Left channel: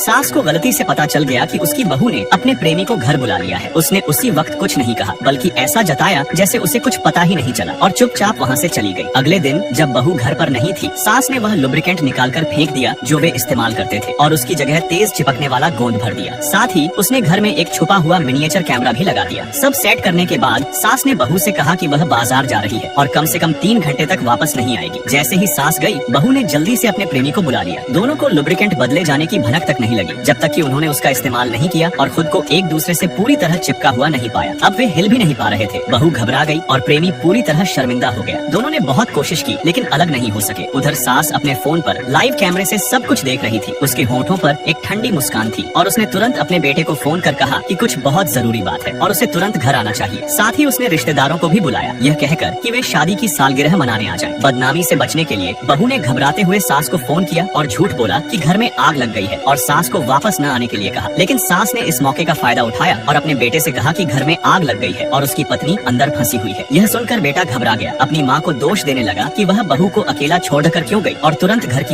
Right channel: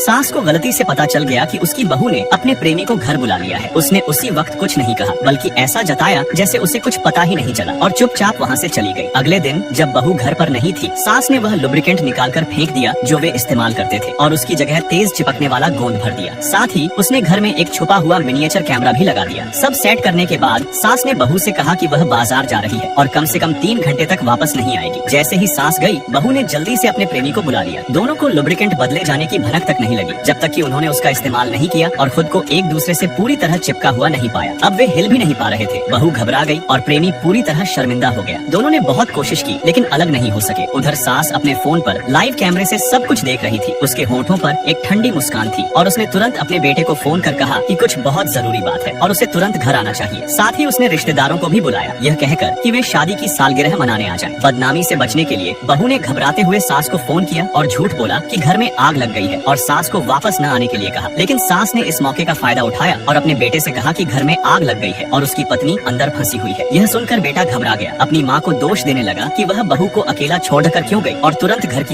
सास को गलती से पता चल गया कि उसकी बहू ने अपने प्रेमी को घर बुला लिया है। उसने उसी वक्त कुछ नहीं कहा, बल्कि ऐसा जताया जैसे उसे कुछ पता ही नहीं चला और चुपचाप वहाँ से चली गई। अगले दिन जब बहू घर पर नहीं थी, सास ने वह लुब्रिकेंट निकालकर फेंक दिया जो वे इस्तेमाल करते थे और उसकी जगह तेज चिपकने वाला गोंद भर दिया। साथ ही उसने घर में एक छुपा हुआ मिनिएचर कैमरा भी लगा दिया। सब सेट करने के बाद सास ने बहू से कहा कि वह बाजार जा रही है और कम से कम 3 घंटे तक वापस नहीं आएगी। जैसे ही सास गई, बहू ने जल्दी से अपने प्रेमी को बुला लिया। दोनों को लुब्रिकेंट बदले जाने की भनक तक नहीं लगी जब तक कि उन्होंने उसका इस्तेमाल नहीं किया और खुद को एक दूसरे से पूरी तरह चिपका हुआ नहीं पाया। अब वे हिल भी नहीं पा रहे थे। बहू घबरा गई और प्रेमी पूरी तरह शर्मिंदा हो गया। दोनों ने बहुत कोशिश की लेकिन अलग नहीं हो सके। उधर सास अपने फोन पर लाइव कैमरे से सब कुछ देख रही थी। उसके होठों पर एक ठंडी मुस्कान थी और उसने तुरंत अपने बेटे को फोन कर कहा कि कुछ बहुत जरूरी बात है और उसे तुरंत घर आना चाहिए। साथ ही उसने रिश्तेदारों को भी बुलाया, यह कहकर कि वे शादी की सालगिरह मनाने आ जाएं। बदनामी से बचने के लिए बहू ने घबराते हुए सास को फोन किया और झूठ बोला कि घर में आग लग गई है और सास को वापस न आने के लिए कहा। लेकिन सास ने इस मौके का फायदा उठाया और अपने बेटे से कहा कि घर में आग लग गई है और उसकी पत्नी अंदर फंसी हुई है। यह सुनकर बेटा घबरा गया। अपनी माँ को दोष देने लगा कि वह बहू को अकेला छोड़कर क्यों गई और तुरंत घर की